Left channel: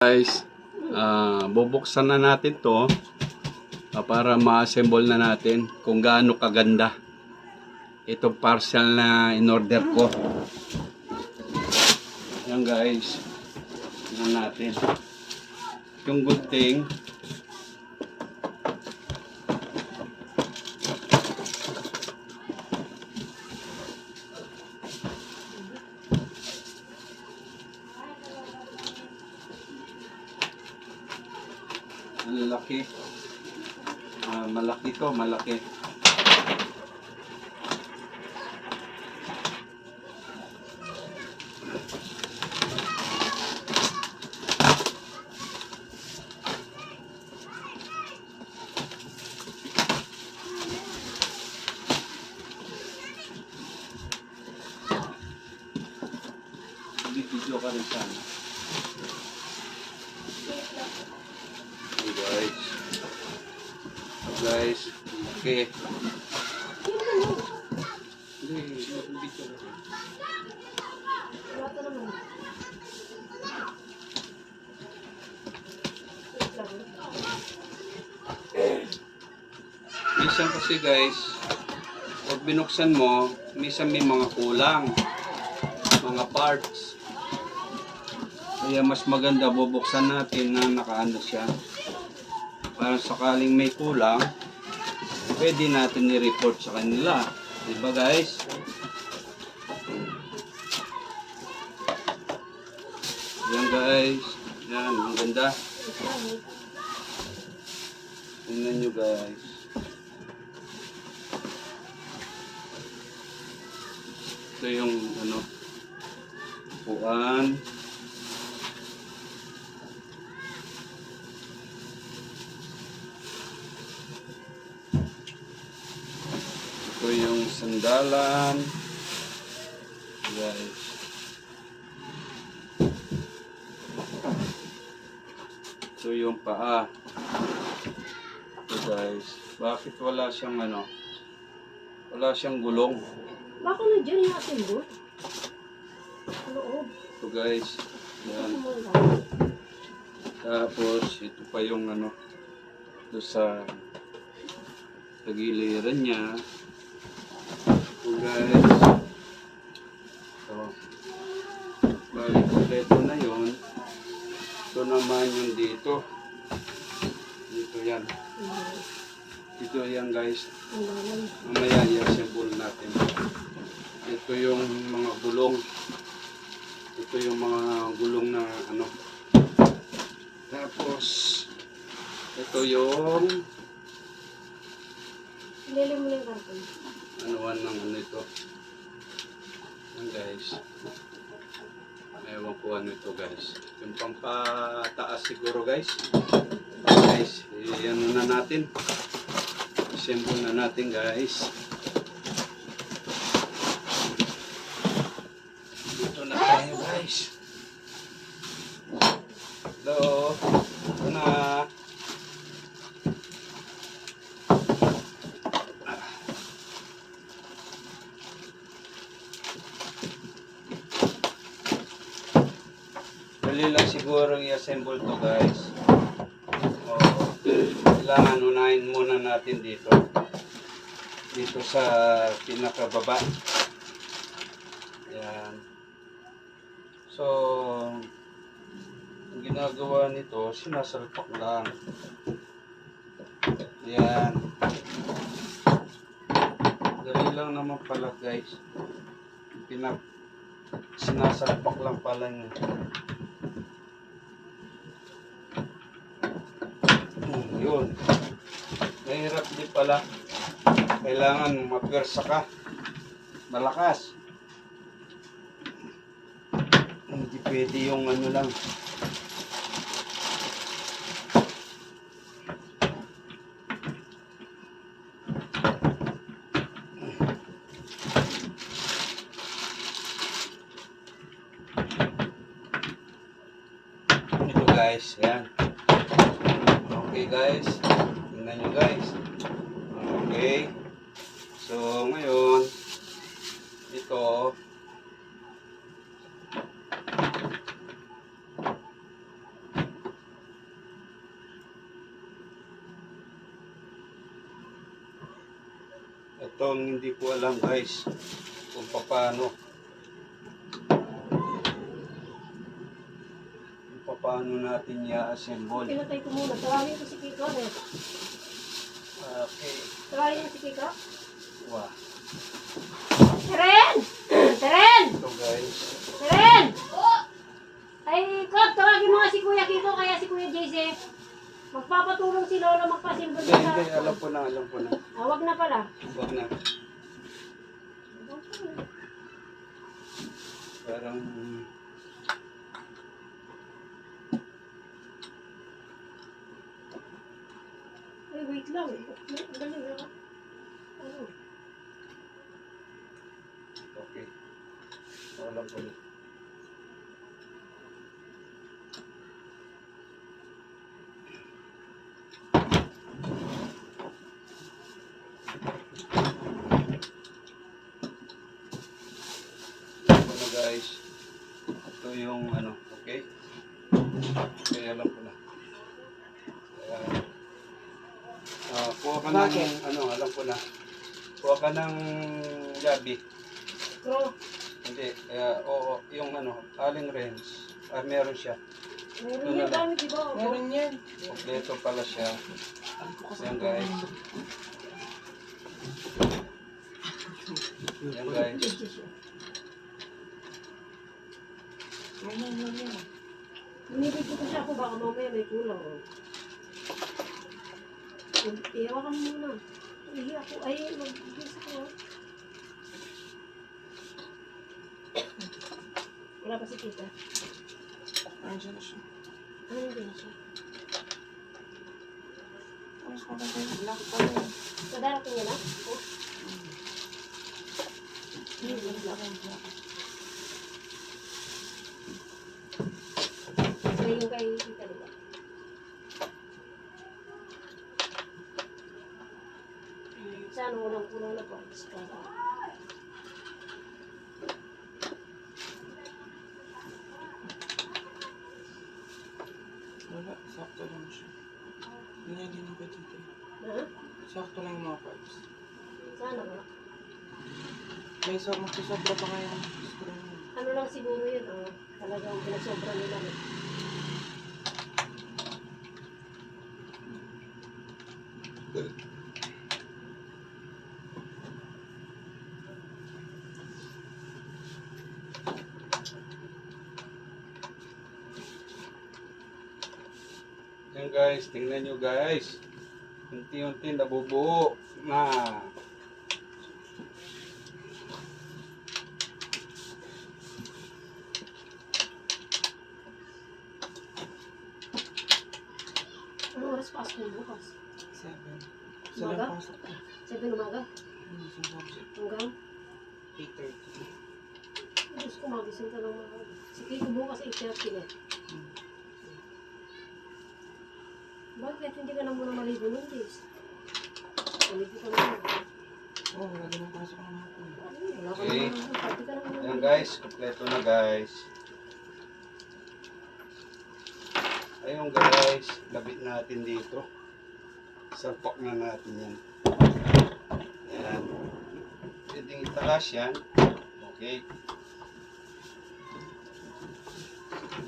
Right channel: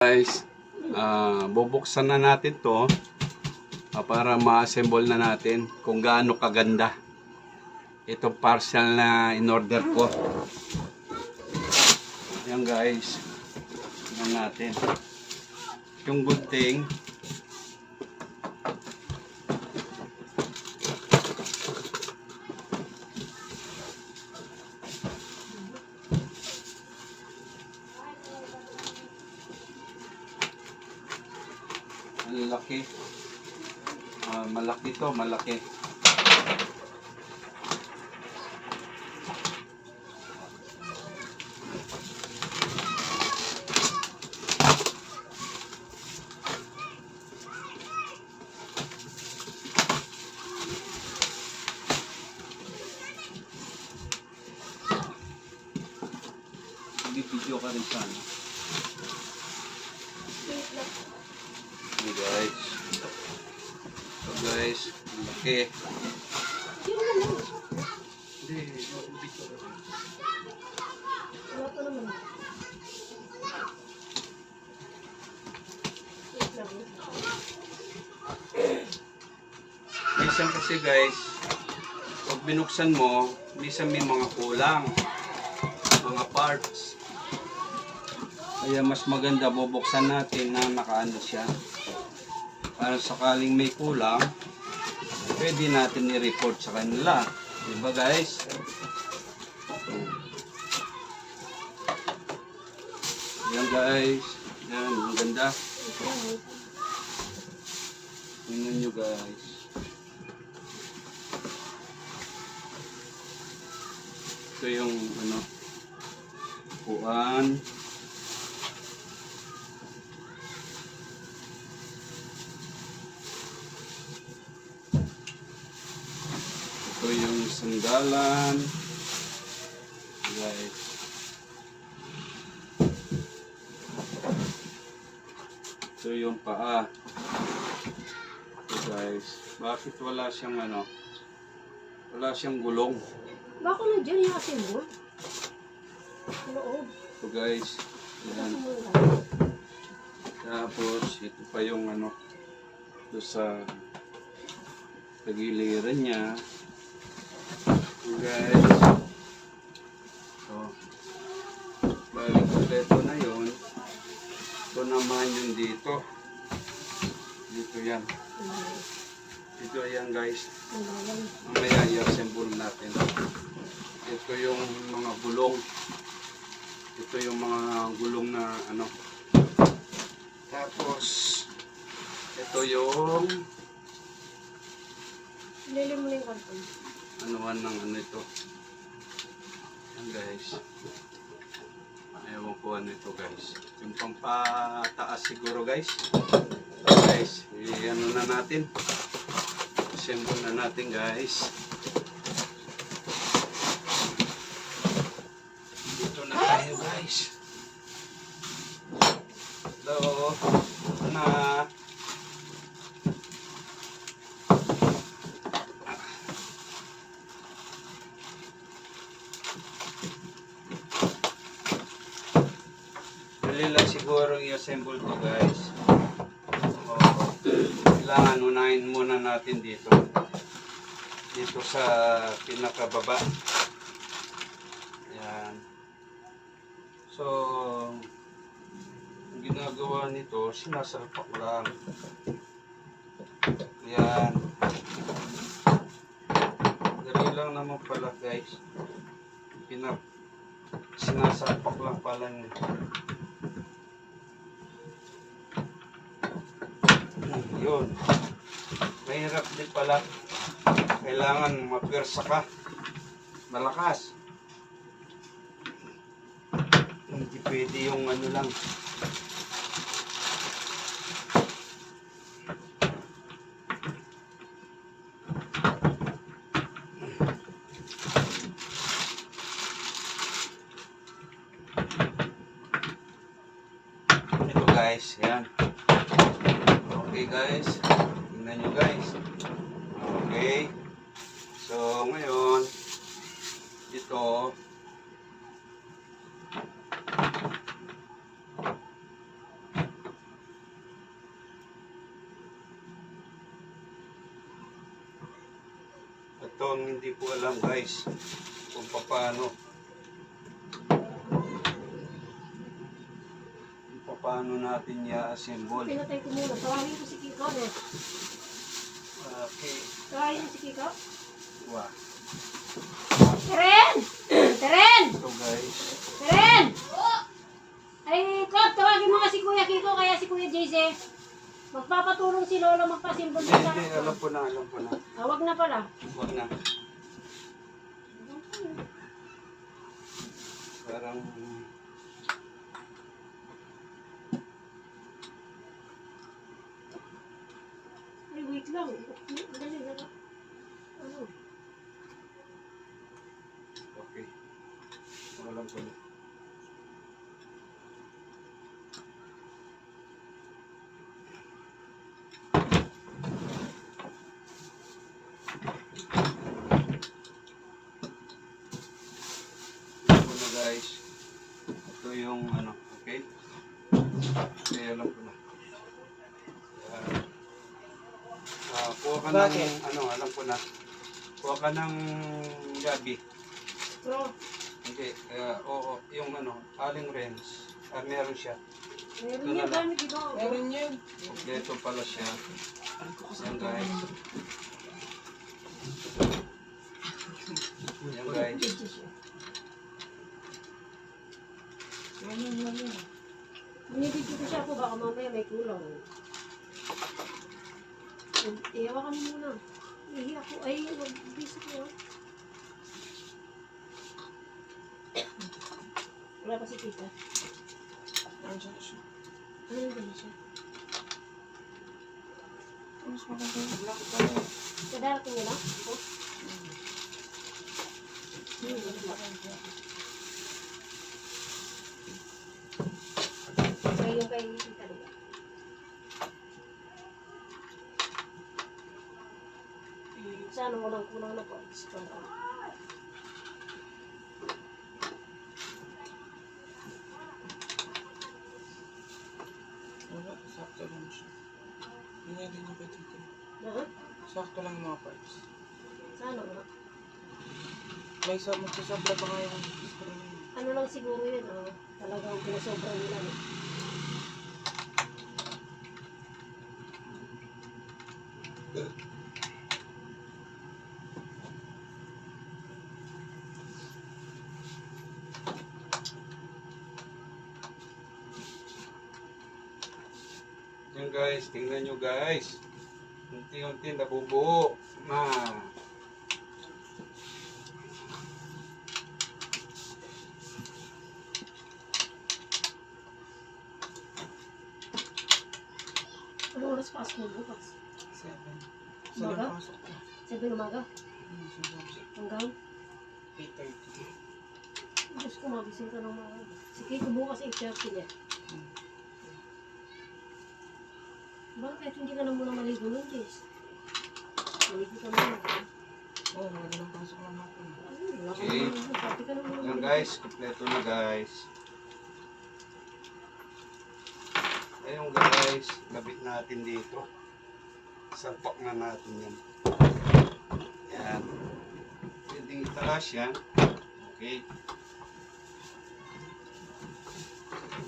Guys, bubuksan na natin to para ma-assemble na natin kung gaano kaganda itong parcel na in-order ko. Ayan guys, tingnan natin. Yung good thing, ang laki. Malaki to, malaki. Video ka rin sana. Hey guys, okay. Minsan kasi guys, pag binuksan mo, minsan may mga kulang, mga parts. Kaya mas maganda bubuksan natin na nakaano siya. Para sakaling may kulang, pwede natin i-report sa kanila. Diba guys? Yan guys. Yan, ang ganda. Tingnan nyo guys. Ito yung ano, upuan. Ito yung sandalan. Guys. Ito yung paa. Ito guys. Bakit wala siyang ano? Wala siyang gulong. Baka na dyan yung ating board? Loob. Ito guys. Yan. Tapos ito pa yung ano. Ito sa tagiliran niya. So guys, so balik kompleto na yun. Ito naman yung dito. Dito yan. Dito yan guys. Mamaya i-assemble natin. Ito yung mga gulong. Ito yung mga gulong na ano. Tapos ito yung Lili mo yung karton. anuan ng ano ito. Yan guys. Ewan ko ano ito guys. Yung pampataas siguro guys. Guys, ano na natin. Assemble na natin guys. Dito na tayo guys. Hello. Ito na. Dali lang siguro i-assemble to guys. Kailangan unahin muna natin dito. Dito sa pinakababa. Ayan. So, ang ginagawa nito, sinasalpak lang. Ayan. Dali lang naman pala guys. Sinasalpak lang pala niya. Yun. Mahirap din pala. Kailangan mapwersa ka. Malakas. Hindi pwede yung ano lang. Ito guys. Yan. Okay guys. Tingnan nyo guys. Okay. So ngayon, ito ito ang hindi ko alam guys kung paano natin i-assemble. Pinatay ko muna. Tawagin ko si Kiko. Eh. Okay. Tawagin mo si Kiko. Wow. Teren! Teren! Ito guys. Teren! Ay, Kod, tawagin mo nga si Kuya Kiko kaya si Kuya JJ. Magpapatulong si Lolo magpasimbol Hindi, sa... hindi. Alam ko na. Wag na pala. Huwag na. Parang... Ay, wait lang. Dali na ka. Ano? Okay. Alam ko na. Alam ko na guys. Ito yung ano, okay? Okay, alam ko na. Kuha ka ng, ano, alam ko na. Kuha ka ng gabi. Pro. Hindi, oo, yung ano, aling wrench. Meron siya. Meron Ito na yan. lang. Dami, di ba? Meron yan. Kompleto pala siya. Yan guys. Yan guys. Meron yan. Binibigyan ko siya ako. Baka mamaya may kulang. Iyawa ka muna. Ihi ako. Ay, mag-bis ako. Wala pa si Tita. Andiyan na siya. Ano yung ganyan siya? Mas maganda yung black pa rin. So, darating niya na? Oh. Ay, yung kay Tita diba? Sana unang-unang na po. Wala, sakto lang siya. Yun nga din yung pwede dito. Ha? Sakto lang yung mga parts. Sana nga. May magsasobra pa nga yung screw na yun. Ano lang siguro yun, oh. Talagang pinasobra nila. No? Yan guys, tingnan nyo guys. Unti-unti nabubuo na. Anong oras pasok mo bukas? 7. Umaga? Sila pasok ko. 7 umaga? Yung subject. Hanggang? 8:30. Diyos ko, magising ka ng mga... Si Kiko bukas 8:30 na. Bakit hindi ka na muna maligo nun, Jess? Maligo ka muna. Oo, wala din ang pasok ng hapon. Wala ka Okay. naman. Pati ka na muna. Yan guys, kompleto na guys. Ayun guys, labit natin dito. Salpak na natin yan. Yan. Pwedeng itaas yan. Okay.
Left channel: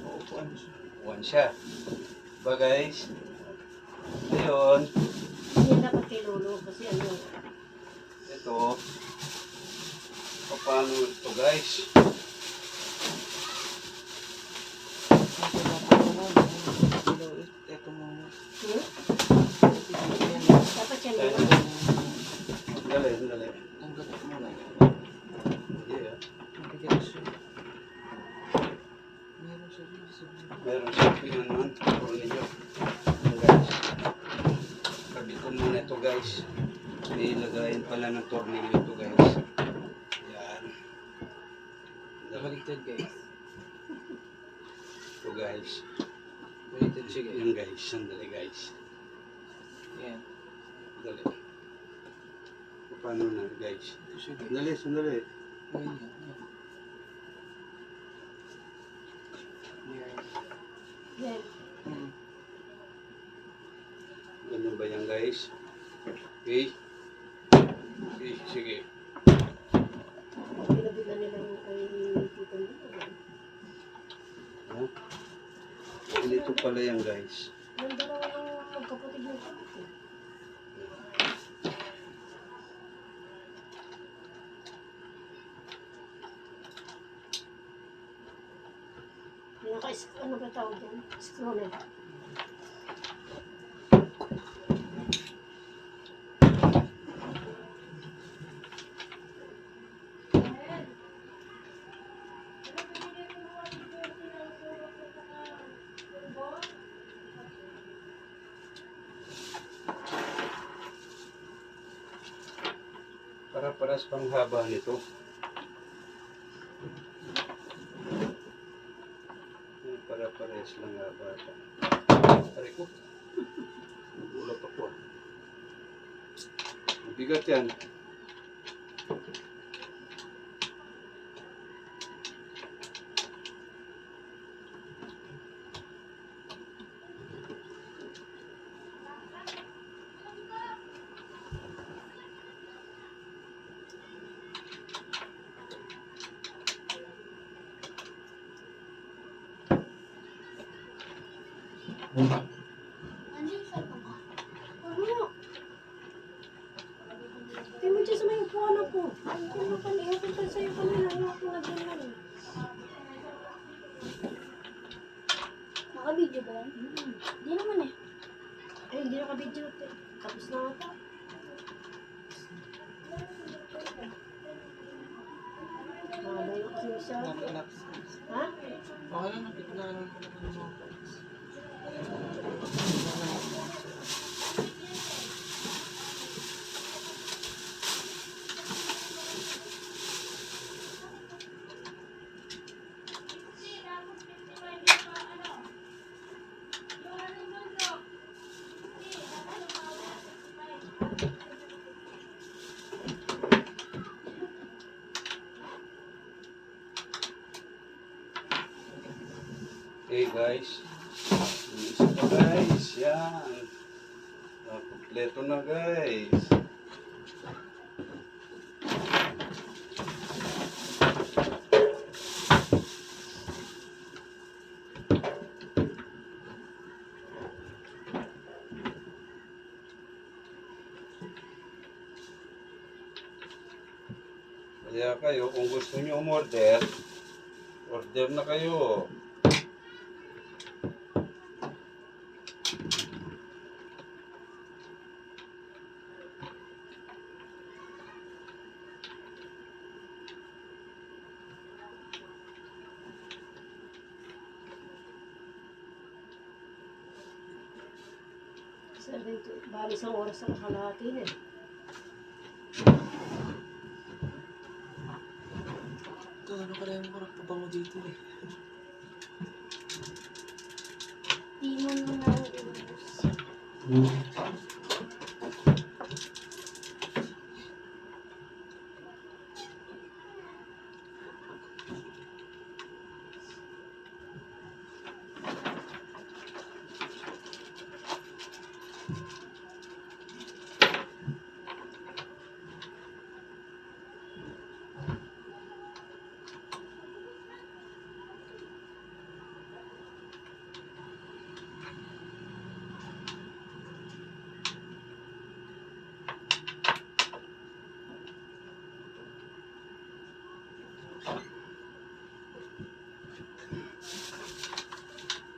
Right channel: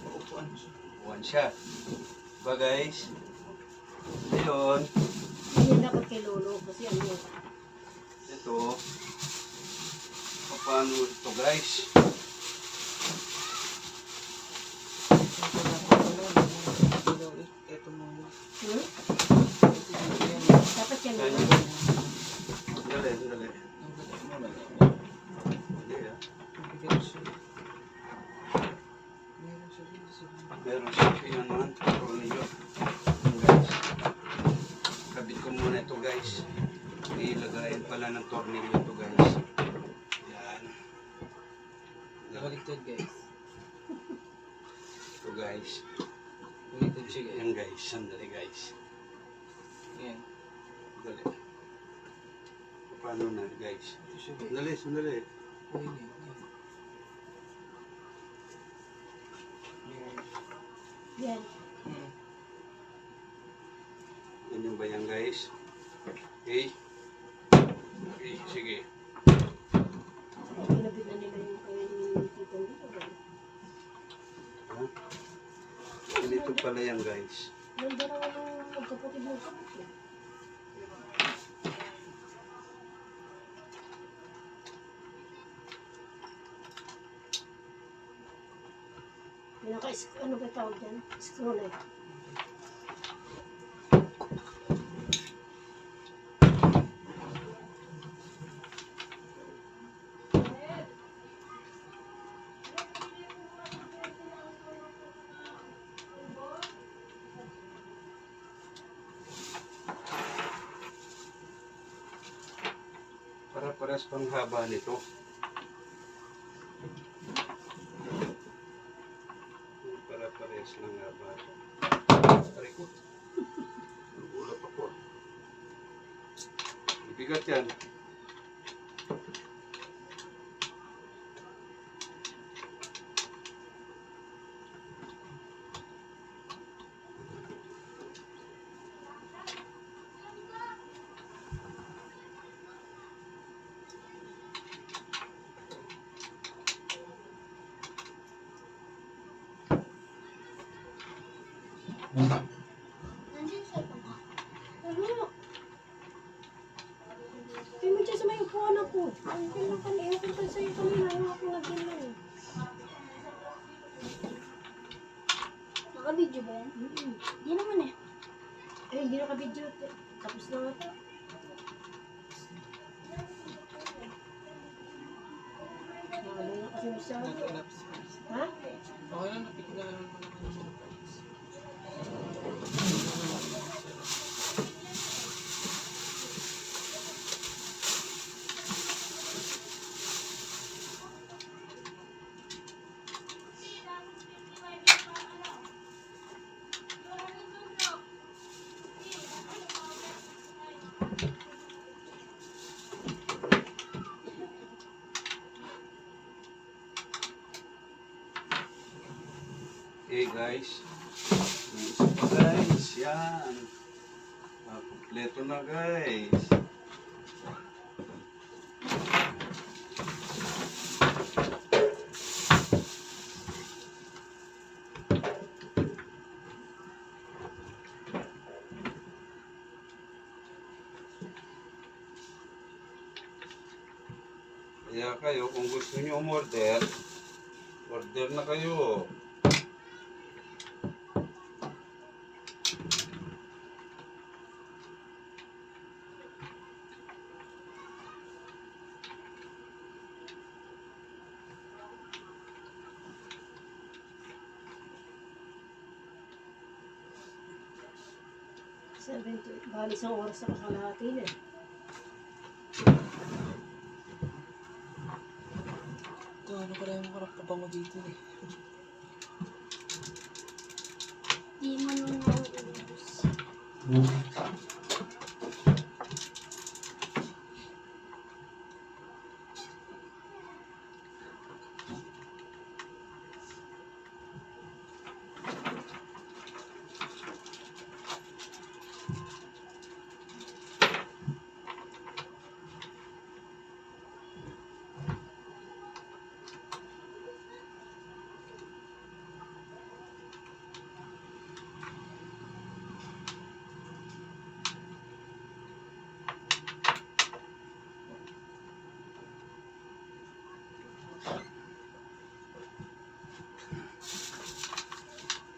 Paupuan siya. Uwan siya. Diba guys? Ayun. Hindi yan dapat kay Lolo kasi ano. Ito. Paano ito guys? Ito na po ko nun. Ito muna. Hmm? Kasi dito yan. Dapat yan Ayun. Lolo. Dali, dali. Tanggalin muna. Hindi ah. Mabigat siya. Meron siya dito sa Meron siya pinanuhan. Puro ninyo. Yan guys. Kabit ko muna ito guys. Ilagayin pala ng tornilyo ito guys. Yan. Baligtad guys. Ito guys. Baligtad siya guys. Yan guys. Sandali guys. Yan. Dali. Paano na guys? Ito siya guys. Sandali, sandali. Oh, yan. Yan. Yan. Yan. Hmm. Ganyan ba yan guys? Okay. Okay Sige. Pinabit na nila yung kay Tito dito. Ha? Ganito pala yan guys. Ganda naman yung magkapatid ng kapatid. Ano ba tawag dyan? Scroller. Para-paras pang haba nito. Para-pares lang haba. Aray ko. Nagulat ako. Mabigat yan. Andiyan sa baba. Ano? Tingnan mo dyan sa may upuan ako. Andiyan na kanina. Ewan ko sa'yo kanina. Ewan ko na dyan lang. Naka-video ba yan? Di naman eh. Eh, hindi nakabidyo. Tapos na ata. Naalala kasi masyado. Naka-lapse. Ha? Okay lang, napiglaan mo naman yung mga parts. Okay guys. Yung isa pa guys. Yan. Kompleto na guys. Kaya kayo, kung gusto nyo umorder, order na kayo. Bali isang oras na kalahati na eh. Ito, ano pala yung mga pabango dito eh. Di mo na nauubos.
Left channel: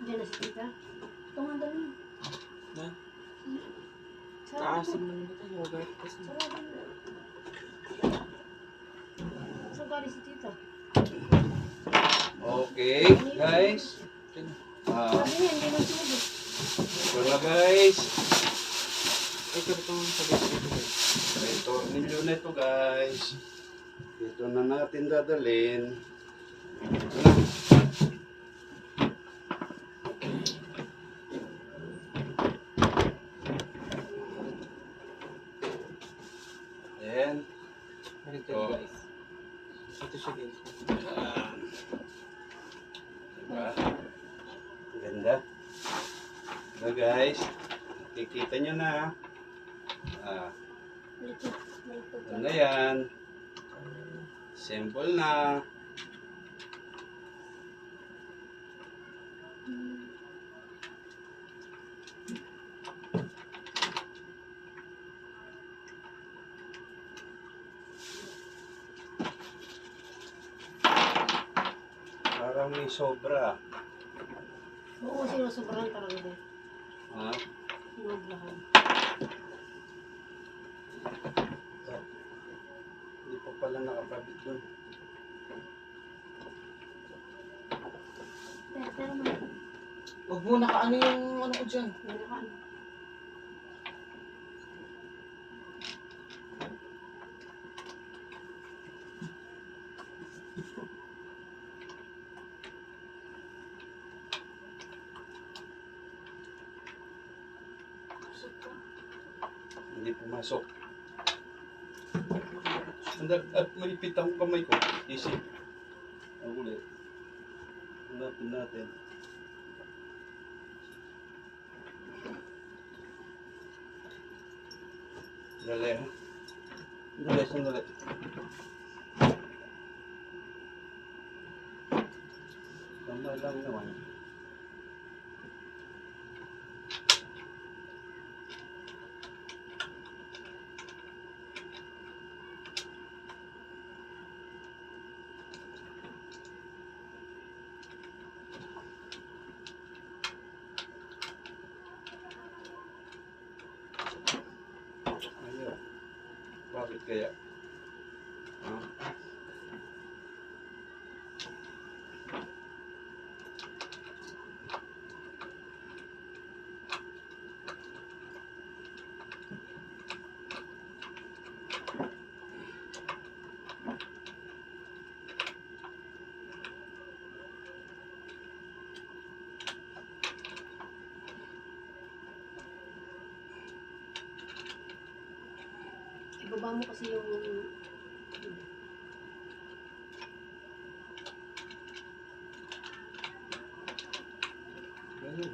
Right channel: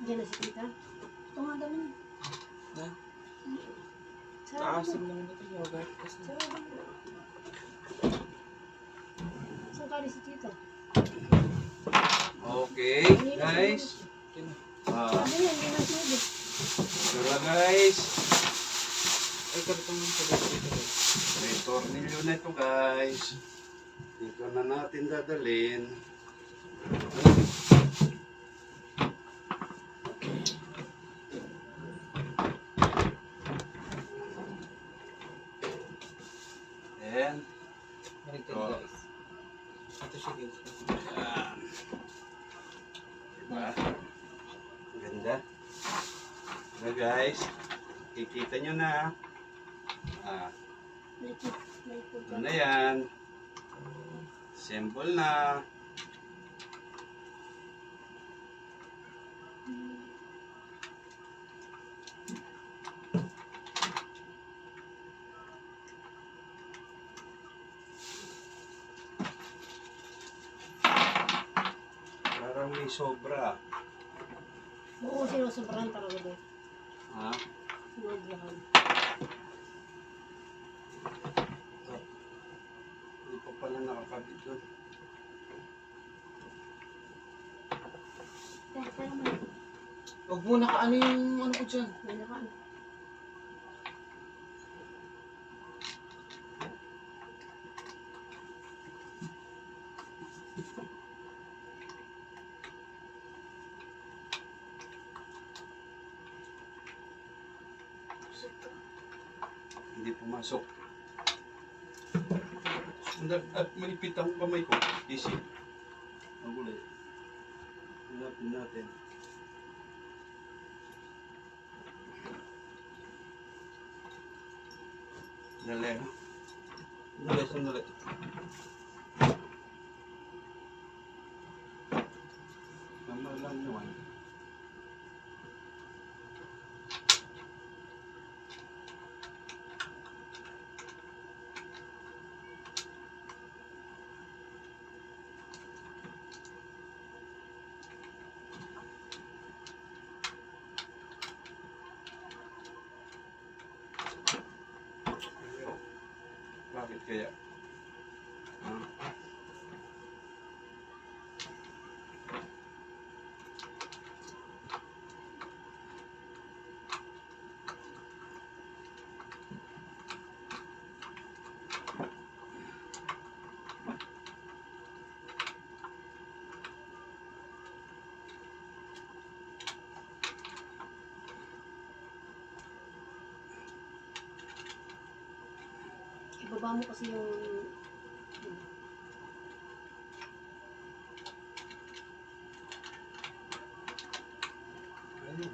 Diyan na si tita. Tumagal na. Na? Sarado Kaasim mo. naman ito, yogurt kasi. Sarado mo. Saan galing si tita? Okay guys. Ito na. Sabi niya, hindi na tubig. Ito na guys. Ay, karito mo sa dito guys. May tornilyo na ito guys. Dito na natin dadalhin. Ito na. Ayan. Ganito Oh. guys. Ito siya dito. Ayan. Diba? Ang ganda. Na guys. Kikita nyo na. Ah. Legit. May Ito pagka. na yan. Simple na. Parang may sobra. Oo, sinusobrahan talaga din. Ha? Sinusobrahan. Hindi pa pala nakakabit doon. Pero man. Huwag mo nakaano yung ano ko dyan. May nakaan. Pusok ko. Hindi pumasok. At malipit ang kamay ko. Easy. Ang ulit. Hanapin natin. Dali ha. Dali, sandali. Tama lang naman. Ayaw. Bakit kaya? Ha? Ibaba mo kasi yung... Ayun.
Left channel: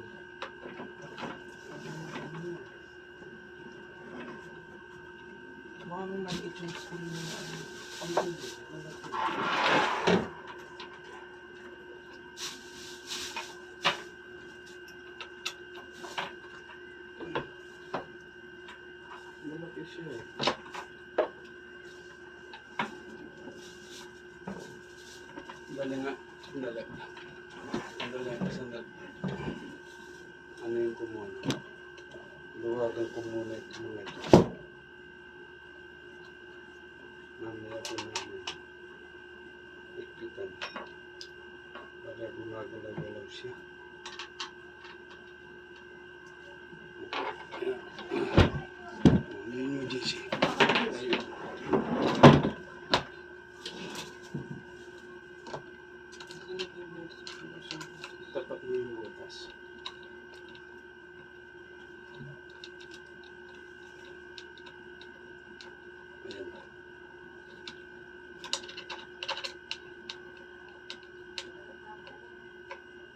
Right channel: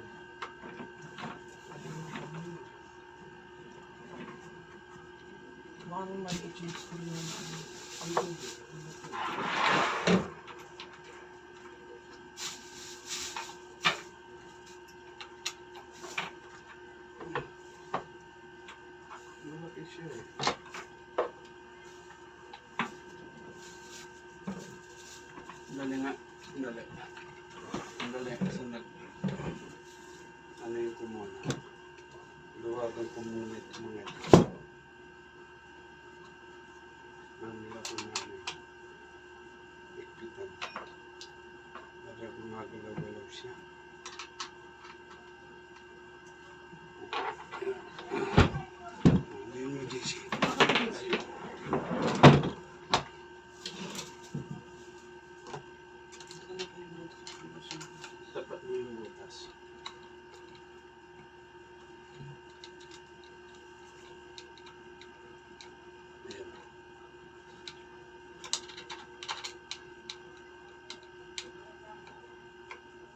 Baka nung maliit yung school mo na ano. Ay, hindi. Malaki siya eh. Dali nga. Dali. Dali. Sandali. Ano yung kumuna? Luwagan ko muna ito mga ito. Mamaya ko namin. Ikpitan. Para gumagalaw-galaw siya. Ano yun yung JC? Ayun. Tapat mo yung butas. Ayan.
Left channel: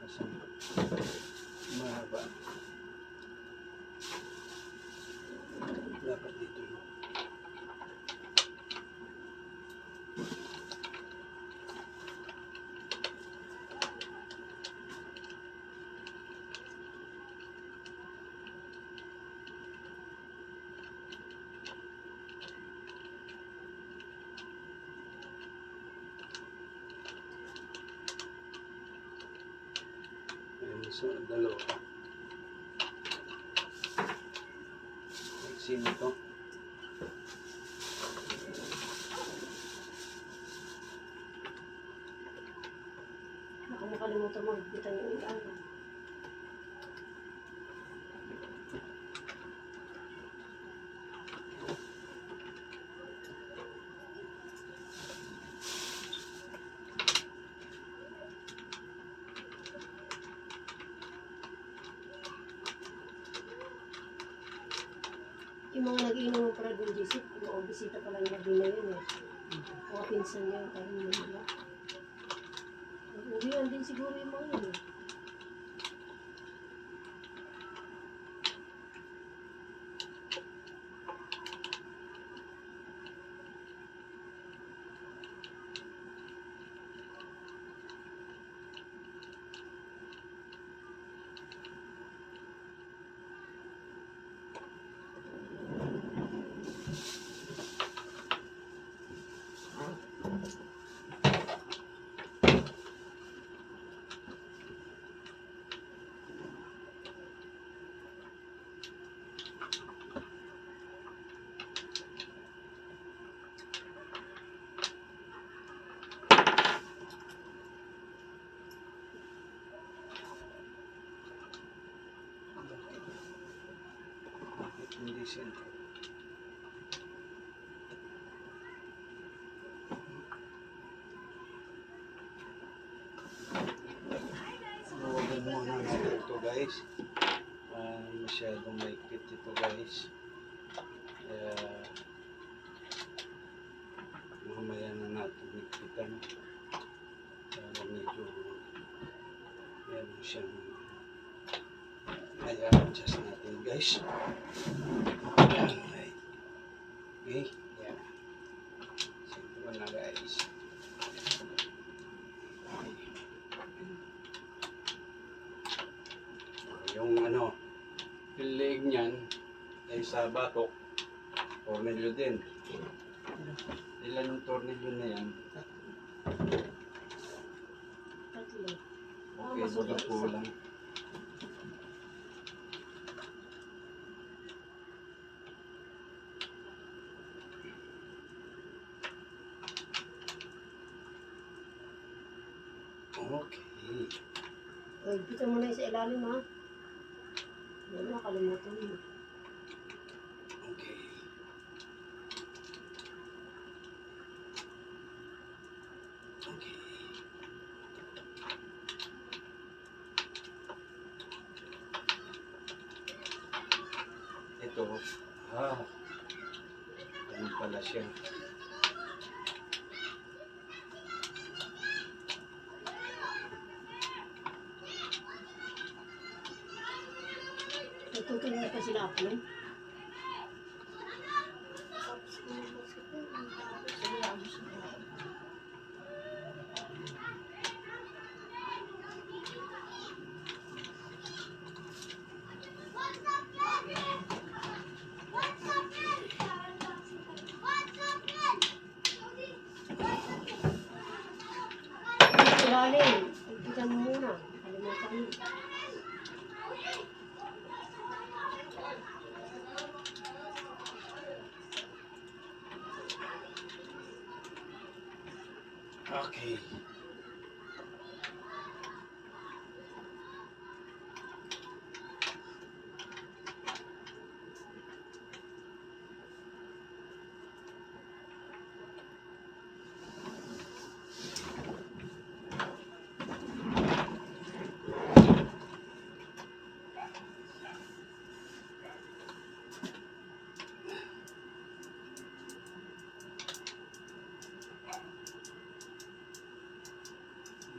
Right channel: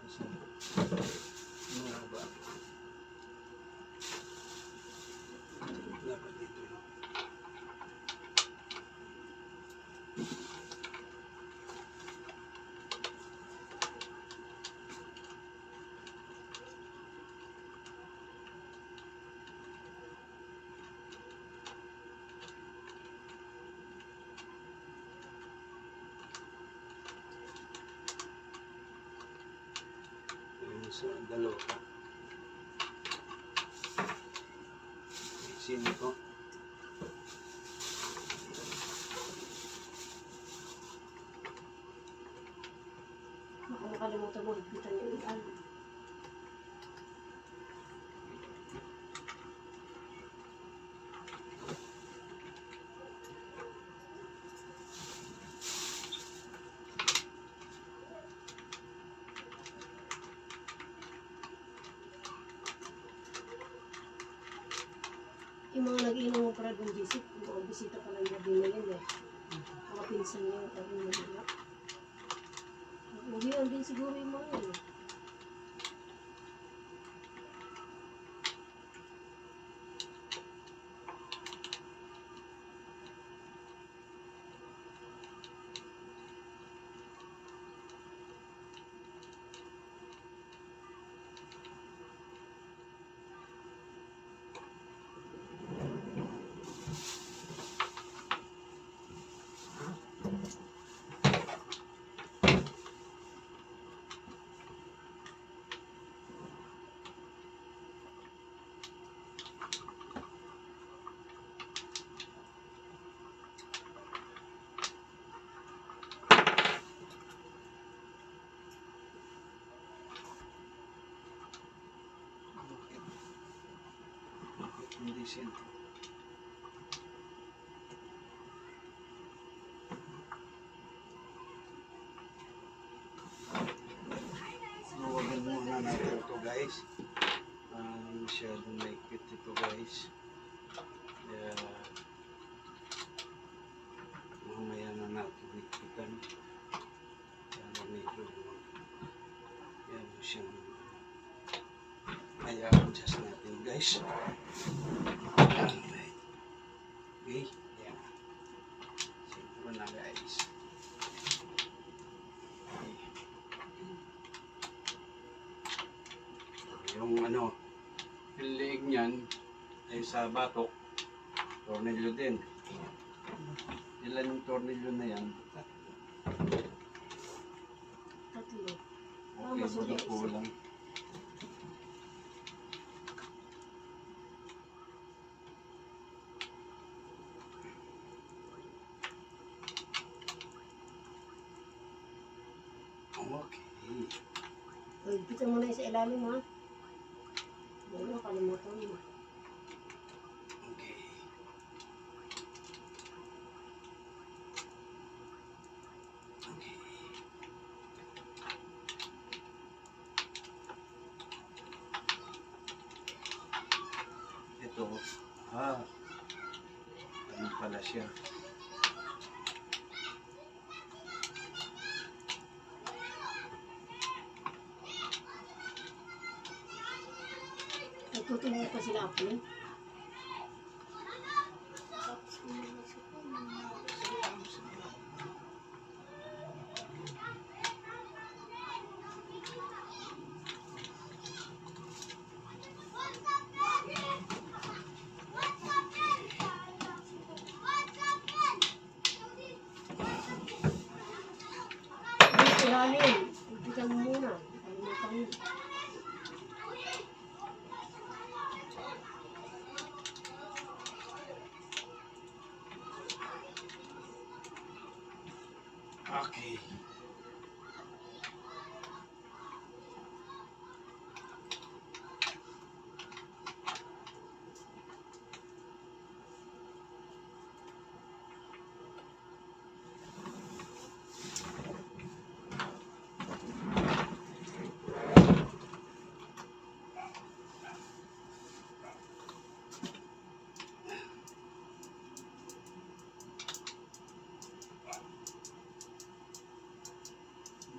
Asan? Mahaba. Dapat dito yun. Ayun sa dalawa. Sino to? Baka makalimutan mo, higpitan yung ano. Yung mga nag-inom mo para doon, Jisip, mga bisita pa lang gabi na yun eh. Mga pinsan niya, parang nila. Uwihan din siguro yung mga yun eh. Hindi sentro. Huwagan muna natin ito guys. Masyadong maikpit ito guys. Kaya mamaya na natin ikpitan. Kaya medyo meron siyang i-adjust natin guys. Yan. Okay. Yan. Sentro na guys. Okay. Yung ano, yung leeg niyan ay sa batok. Tornilyo din. Ilan yung tornilyo na yan? Tatlo. Okay, baga po lang. Okay. Uy, pita mo na yung sa ilalim ha. Wala, kalimutan mo. Okay. Okay. Ito. Ano pala siya? Nagtutuloy pa sila ako. Sa ilalim. Pagpitan mo muna. Kalimutan mo. Okay.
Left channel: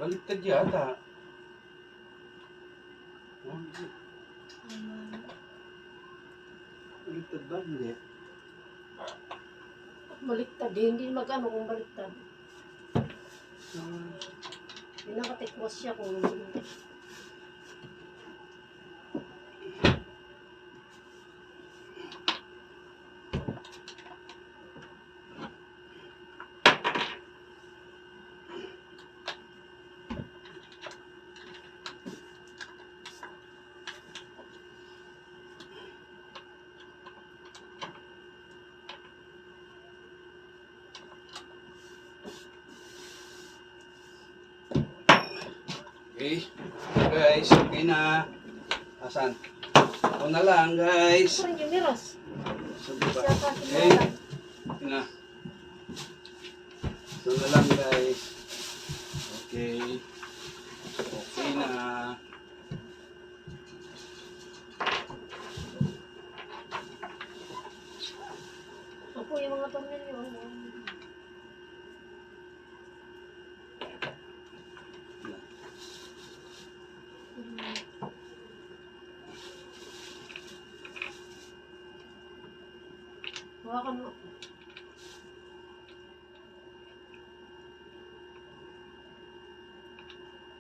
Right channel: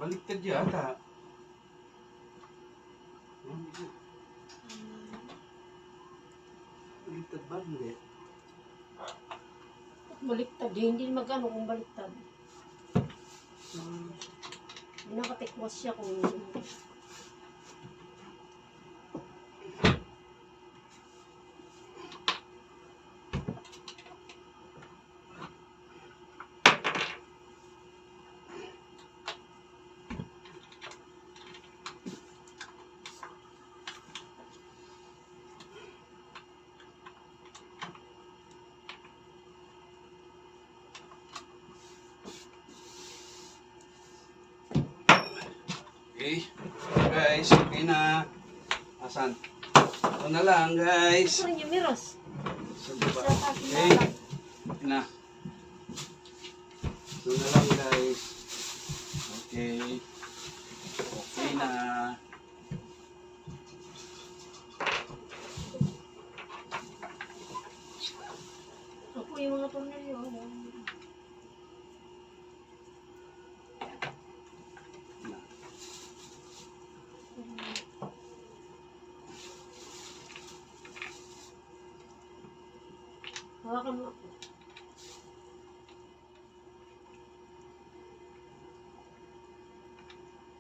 Baliktad yata. Baliktad ba? Hindi. Baliktad. Hindi magano kung baliktad. Hindi nakatikwas siya kung hindi. Okay. Guys, okay na. Asan? Ito na lang guys. Ito rin yung miros. So, diba? Siya pa Okay. sinala. Okay na. Ito na lang guys. Okay. Okay na. Opo, yung mga tornilyo. Hawakan mo.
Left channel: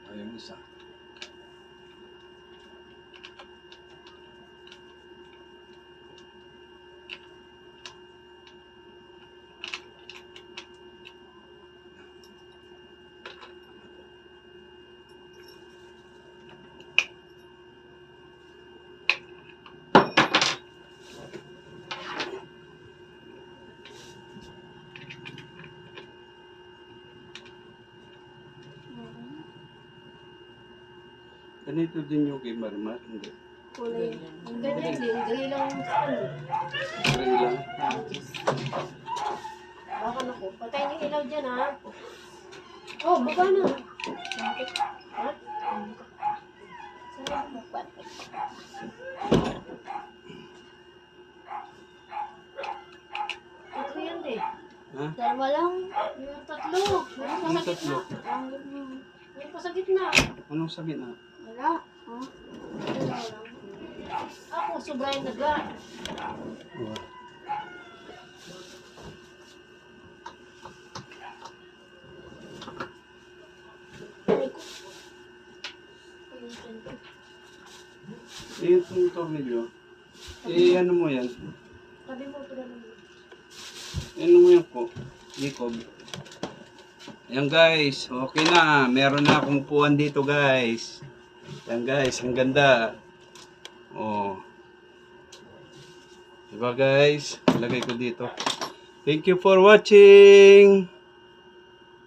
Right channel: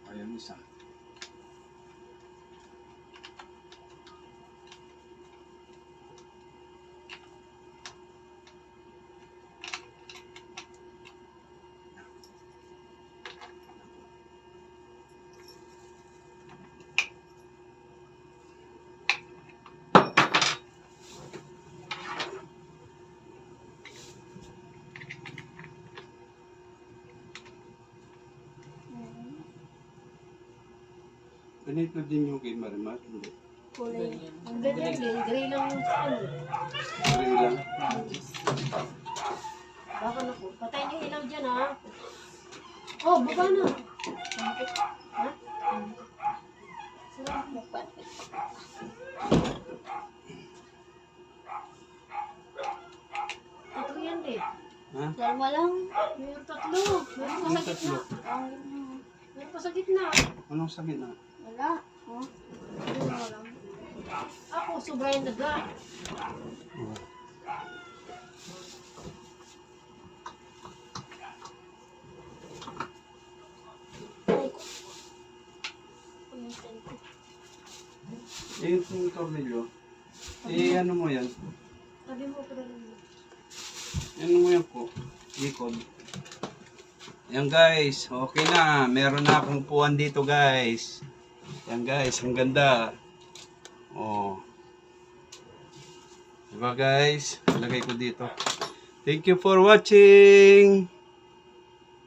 Ayun isa. Ganito din yung kay Marimar, hindi? Kulay. Ang ganyan din, gray lang yung sa ano. Ring lang. Baka naku, patay niyo ilaw dyan ha. Oh, baba na. Ha? Sarap mo pa. Ito yan din. Ha? Dalawa lang. Meron tatlo. Meron pa Ano sa tatlo? gitna. Ang mo. Meron pa sa gitna. Anong sakit na? Wala. Oh. Dalawa lang. Ako, sobrang naga. Oh. Ay, ko. Pamitin ko. Itong tornilyo. Ano mo yan? Sabi mo, padala mo. Ano mo yan ko? Likob. Yan guys, okay na. Meron na akong upuan dito guys. Yan guys, ang ganda. Oh. Diba guys? Lagay ko dito. Thank you for watching.